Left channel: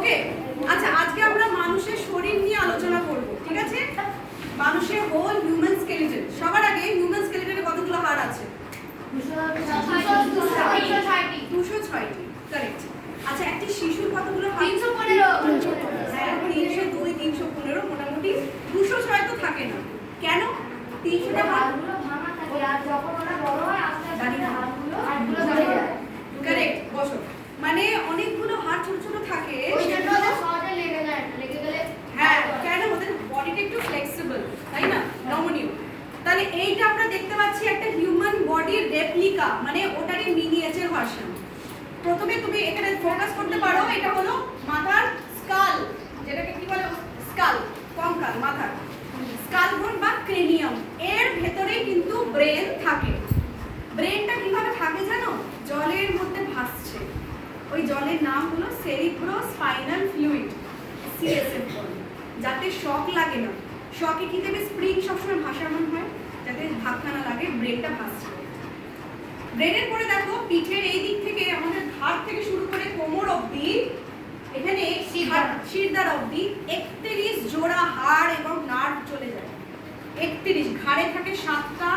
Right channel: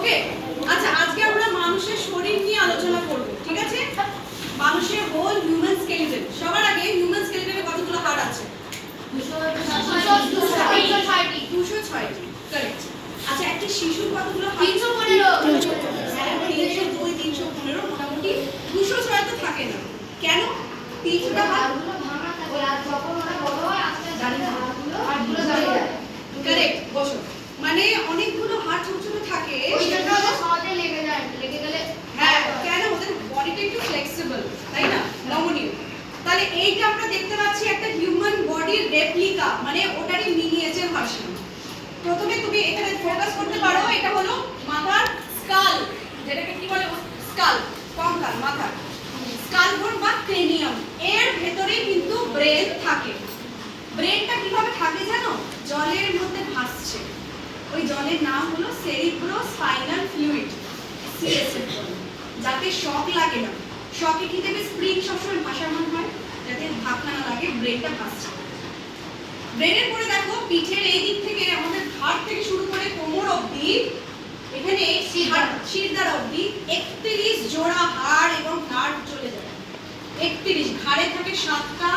ওকে, আচ্ছা আজকে আমরা মানুষের শরীর নিয়ে আলোচনা করব, ঠিক আছে? মানুষের হোল হিউম্যান স্কেলেটন। সবার আগে হিউম্যান স্কেলেটনে কতগুলো হাড় আছে? 206টি। কারেক্ট। আচ্ছা একটা শিশুর কতগুলো হাড়? 315। হ্যাঁ, 302 315, মোটামুটি 206 তো থাকে না। কেন? 300টা হাড়গুলো ভাঙা থাকে আর যখন ওরা বড় হয় আস্তে আস্তে হাড়গুলো ঝরে যায়। কারেক্ট, বসো। মানে অনেকগুলো হাড় ছোট ছোট থাকে, ওই জন্য সেগুলো সহজে লেগে যায়, লেগে গেলে হ্যাঁ, কেন ওদের বডিটা একটু ফ্লেক্সিবল, তাই না? নমনীয়। তাহলে এইটা আমরা দেখতে পাচ্ছি একটা হিউম্যান বডির রেপ্লিকা, মানে ওটারই মিনিয়েচার ভার্সন। প্রথমে তুমি এখানে ফোকাস করতে পারো, এটা হলো মাথার স্কাল, যেটাকে কি বলে? স্কাল, কঙ্কাল, মাথার স্কাল বোন বা ক্রেনিয়াম। এর ভেতরে কিন্তু ব্রেন থাকে। ব্রেনটা কিভাবে থাকে জানো? জলের মধ্যে ভাসছে। ওই জলের নাম হলো সেরিব্রোস্পাইনাল ফ্লুইড, সিএসএফ বলে। যাতে শক লাগে না। শকে কি দেবে? স্প্রিং সবসময় ভাসানো হয়, যাতে ধাক্কা না লাগে, ব্রেনটা ভাসছে। ব্রেনের পরে দেখো পিঠের এই দিক থেকে আমাদের ঘাড় থেকে শুরু করে কোমর অবধি, এখানে শিরদাঁড়া অবধি 31 জোড়া হাড় এবং নার্ভ চলে যায়। 31, ঘাড়ে থাকে 7টা,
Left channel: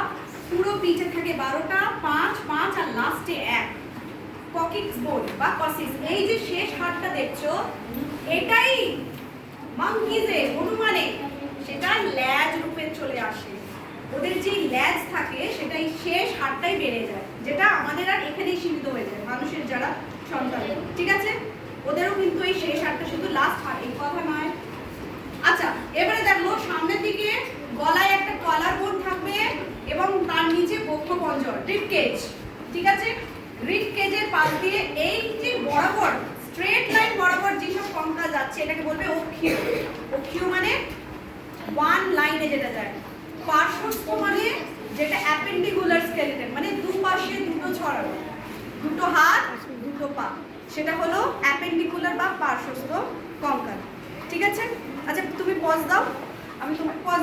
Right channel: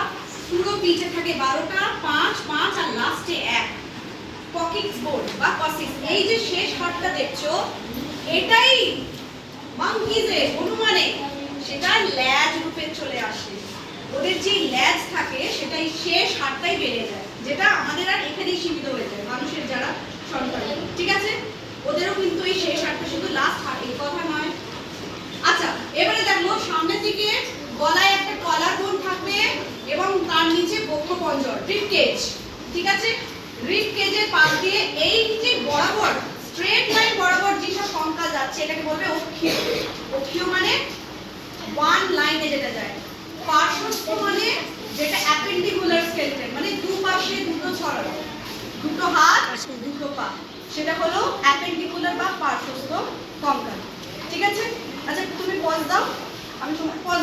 পুরো পিঠে থাকে 12টা, 5 5 আর লাস্টে 1। ককিক্স বোন বা কসিক্স, এই যে শেষ হাড়টা দেখছো, এটাই মাঙ্কিজের অনুমানে সেটা ল্যাজ রূপে চলে আসে। ওদের যে ল্যাজ থাকে সেটাই শেষ হাড়টাই বেড়ে যায়, যেটা আমাদের আর এখানেই সীমিত হয়ে যায়, মানুষের যারা সন্তান, ঠিক আছে? ওদেরও কিন্তু এই শেষ হাড়টা শুধু লাস্ট হাড়, এই কথা নয়। আচ্ছা এবারে দেখো সামনের দিকে গলায় একটা কলার বোন থাকবে এবং তার নিচে বক্ষপঞ্জর, রিব কেজ, ঠিক আছে? রিব কেজের পাশ দিয়ে এই যে বরাবর স্ট্রেট লাইন বরাবর যেসব কঙ্কাল যাচ্ছে এটাকে বলবে অক্ষীয়। অক্ষীয় মানে ওয়ান লাইনে যেটা যায়। পার্শ্বস্থ মানে যেটা অ্যাপেন্ডিকুলার স্কেলেটন, মানে দুপাশে দুটো ছড়ানো, দুটো হাত দুটো পা, সেটা হলো অ্যাপেন্ডিকুলার বা পার্শ্বস্থ কঙ্কাল, ঠিক আছে? আচ্ছা তুমি পজ দাও, আমি তোমার পজ